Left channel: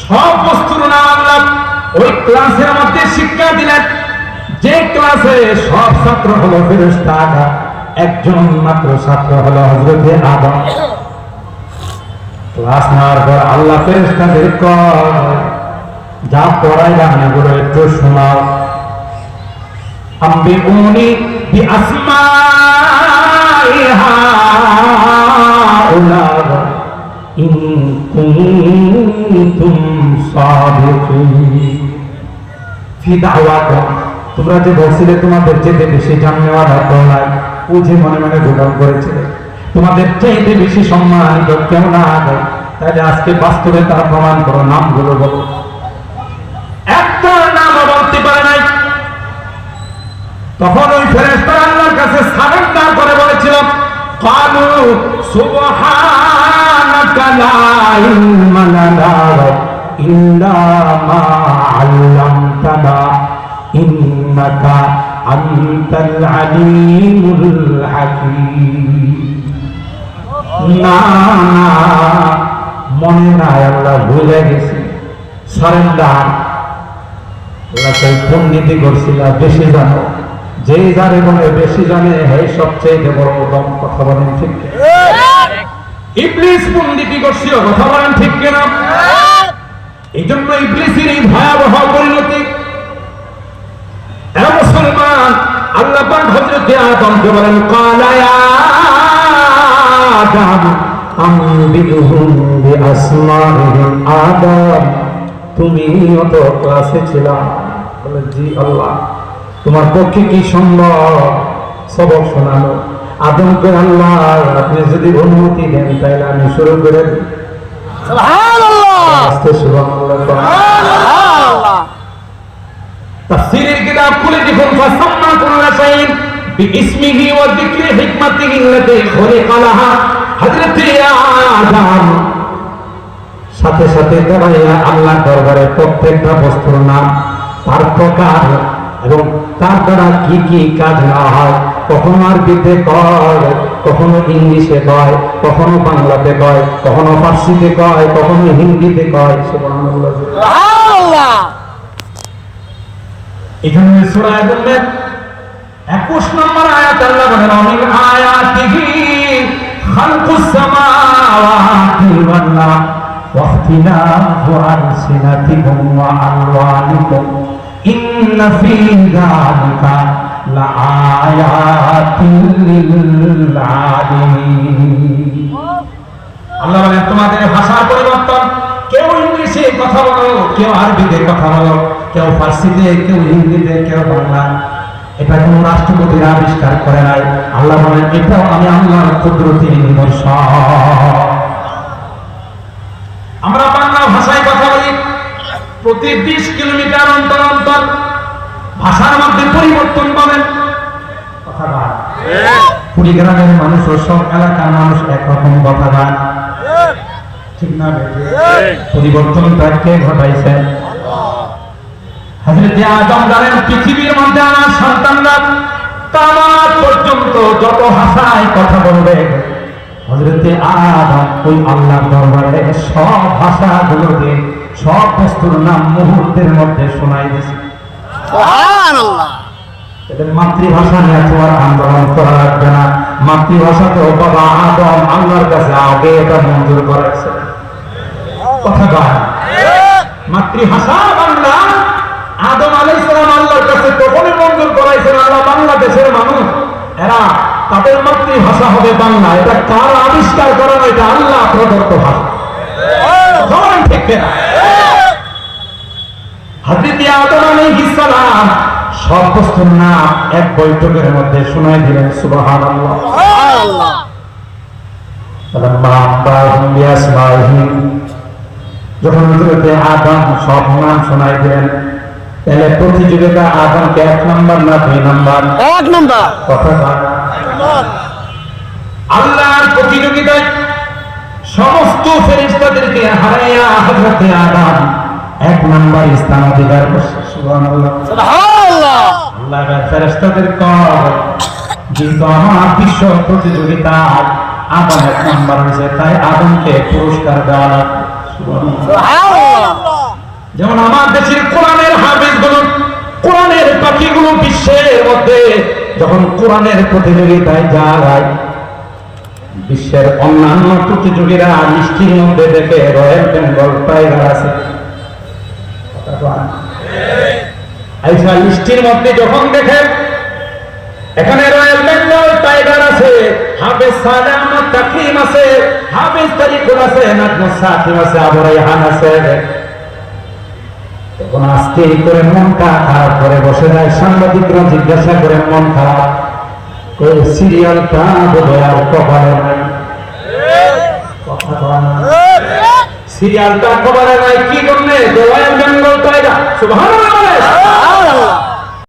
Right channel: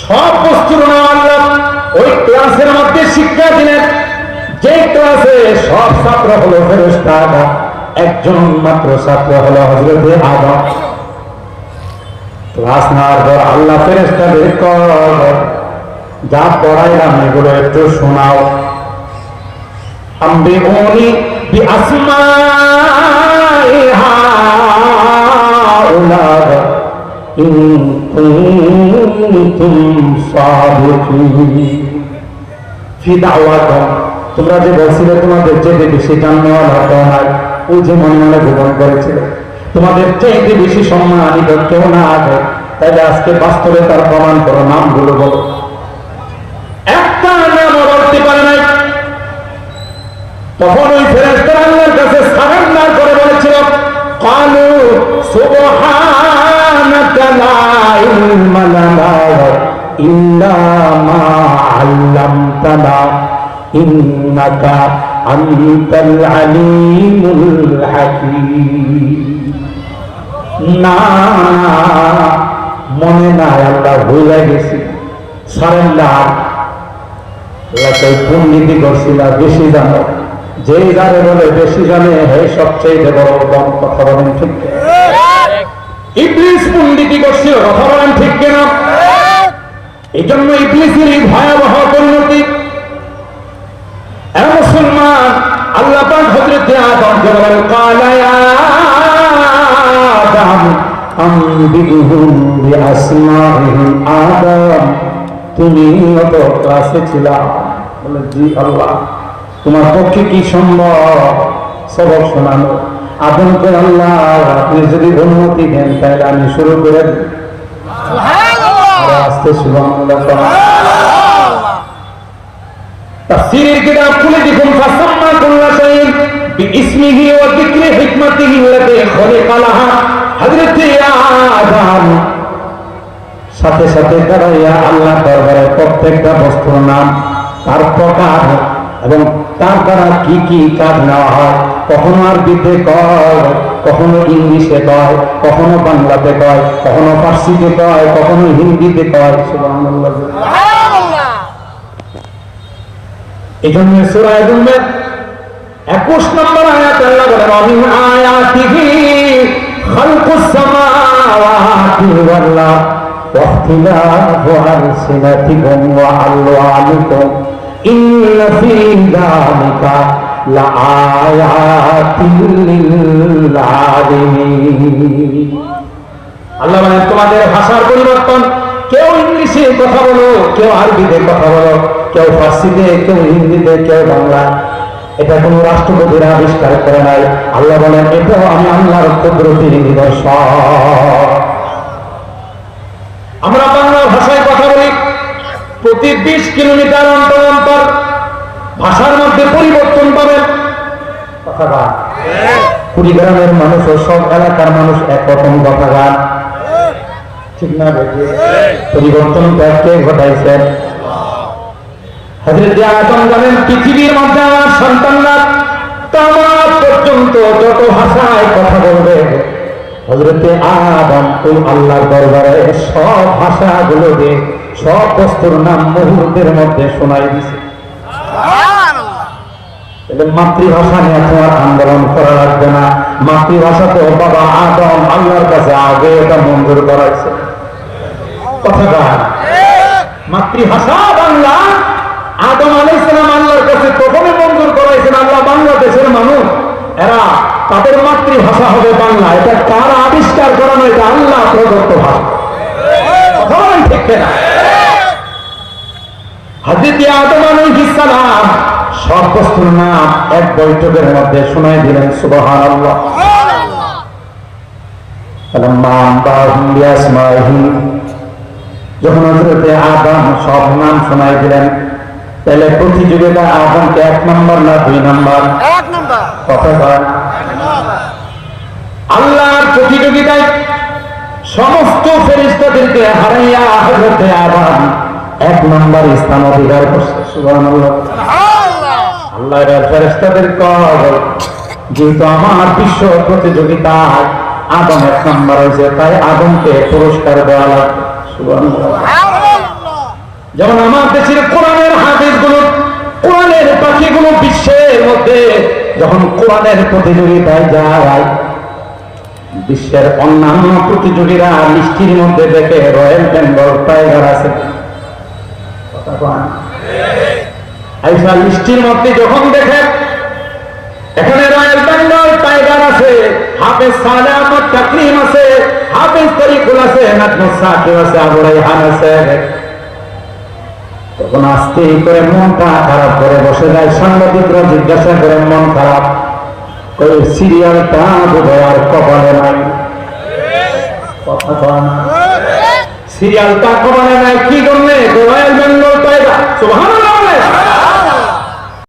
সব বস্তুর নাম আল্লাহ ওই ক্লাসের মধ্যে শিক্ষা দিলেন। যে ক্লাসে সব ছাত্র হলো ফেরেস্তা একজন মাত্র ছাত্র হলো হজরতে আদম। ক্লাস না পর আল্লাহ ফেরেস্তাদের যা পড়াইলাম এগুলো একটু শোনাও। আমি উনি বি আসমা ইন কুনতুম সাদিকিন ফি দাওয়াতা? তোমরা যে বলছিলে তোমাদের চেয়ে বেশি জাননেওয়ালা করা ও যে মনে মনে গ্রহণ করেছিল তোমাদের চেয়ে বেশি সম্মানিত কেউ না আগে। তাহলে আজকে বাস্তবে তার প্রমাণ করো, নামগুলো বলো। একটা নাম বলতে পারে নাই। তখন ওই আনতাল আলিমুল হাকীম। না মনে না আল্লাহ ভুলে গেছি। সারেন্ডার ওরা তো দুর্নীতি করছিল বেশি জানে। যেই জানে বলে বেশি জানে হে সবচেয়ে বড় দম কথা বলেন ঠিক ইবলিস দুর্নীতি করছিল কথা বলেন ঠিক কেন? এই জন্য ইবলিসের ভয়াবহ মুসলমান আল্লাহ পাক হযরত আদম বলেন ইয়া আদম আনবিদুহুম বিআসমাইহিম আদম। তুমি তো ক্লাসে ছিলা। বলে জি আল্লাহ তোমার পক্ষে কি সম্ভব? সবক শোনানো আদমকে আল্লাহ আপনি যদি অনুমতি দেন তাহলে আমি শুরু করে দিই আস্তে সুবহানাল্লাহ তাফসীরের বিইসমিহি ওয়া যিকরি হিকমাতিহি আল্লাতী খলিকা লাহা। আদম। সাথে সাথে দাঁড়াইয়া আল্লাহ দরবারে প্রত্যেকটা বস্তুর নাম তার প্রকার এবং তার দ্বারা কি কি কাজ না হয় কখনো আরবিতে কয় কখনো ইংলিশে কয় কখনো বাংলাতে কয় কখনো ফার্সিতে কয় কখনো হিন্দিতে কয়। এখানে সূরা আদমের 21 নম্বর আয়াতে আল্লাহ বলেন আমিন আয়াতিহি খালকুস সামাওয়াতি ওয়াল আরদ واختلاف ألسنتكم وألوانكم إن في ذلك لآيات للعالمين আল্লাহ বলেন তোমাদের ভাষার পরিবর্তন কেউ ইংলিশে কথা বলো কেউ আরবিতে কথা বলো কেউ ফার্সিতে কেউ হিন্দিতে কেউ বাংলা এটা কোনো রাষ্ট্রপতির আবিষ্কার করে নাই। আল্লাহ বলেন, এটাও আমি আল্লাহর কুদরতি নিদর্শন। আমরা বাংলা ভাষায় কথা বলি, প্রতি বিশ কিলোমিটার অন্তর অন্তর ভাষার মধ্যে পরিবর্তন পাবেন। কথা বল। কুড়িগ্রামের মানুষ ও সব এলাকার মানুষ একরকম কথা গান। ঠিক না বেটি? পরিবর্তনটা কে ঘটাইছেন? হযরত আদম জানেন, পৃথিবীর মধ্যে সন্তানরা তার পর্যন্ত যত ভাষায় কথা বলবে হযরতে আদম ওই আল্লাহর দরবারে সব ভাষাগুলো দিয়ে সব বস্তুর নাম মুহূর্তের মধ্যে শোনাই দিছে। মাতৃভাষা নিয়ে তোমার আন্দোলন করা লাগবে না। মাতৃভাষা তো বাবা আদম আল্লাহর কাছে আগে এটা মঞ্জুর করাইছে কথা বল মাতৃভাষা বাংলা আদম আলাইহিস সালাম আল্লাহর কাছে তখনই মঞ্জুর করাইছেন আল্লাহ বাংলাদেশের মানুষ এরা তাদের মাতৃভাষা হবে বাংলা এটা কার আবিষ্কার করে না এটা আল্লাহ প্রদত্ত ভাষা বলেন ঠিক কিনা হাদিতে আদম আলাইহিস সালাম প্রতিযোগিতা আদমকে এক নম্বর না দুই নম্বর? আল্লাহ প্রতিযোগিতায় সমস্ত ফেরিস্তাদেরকে হারাইয়া হজরতে আদম নম্বর স্থান অধিকার বিশ্বের যখন কোরআনের প্রতিযোগিতায় যায়, বিশ্বের অন্যান্য প্রতিযোগীরা মিষ্টির মধ্যে দেখে রয়্যাল বেঙ্গল টাইগার আছে? আইসা মিষ্টির মধ্যে যখন দেখে এখানে রয়্যাল বেঙ্গল টাইগার আছে হাফেজ সালে আহমদ তাকরিম আছে হাফেজ তারিকুল আছে নাজমুস সাকিব আছে আবু রাইহান আছে। তখন আস্তে করে মনটা খারাপ করে বসে যায়। সাংবাদিকরা জিজ্ঞাসা করেন মন খারাপ? ওই সিরিয়ালটা বোধহয় আর কপালে নাই। কথা কয় না। সিরিয়ালটা কপালে নাই কি জন্যে? রয়্যাল বেঙ্গল টাইগার সুবহানাল্লাহ বলে।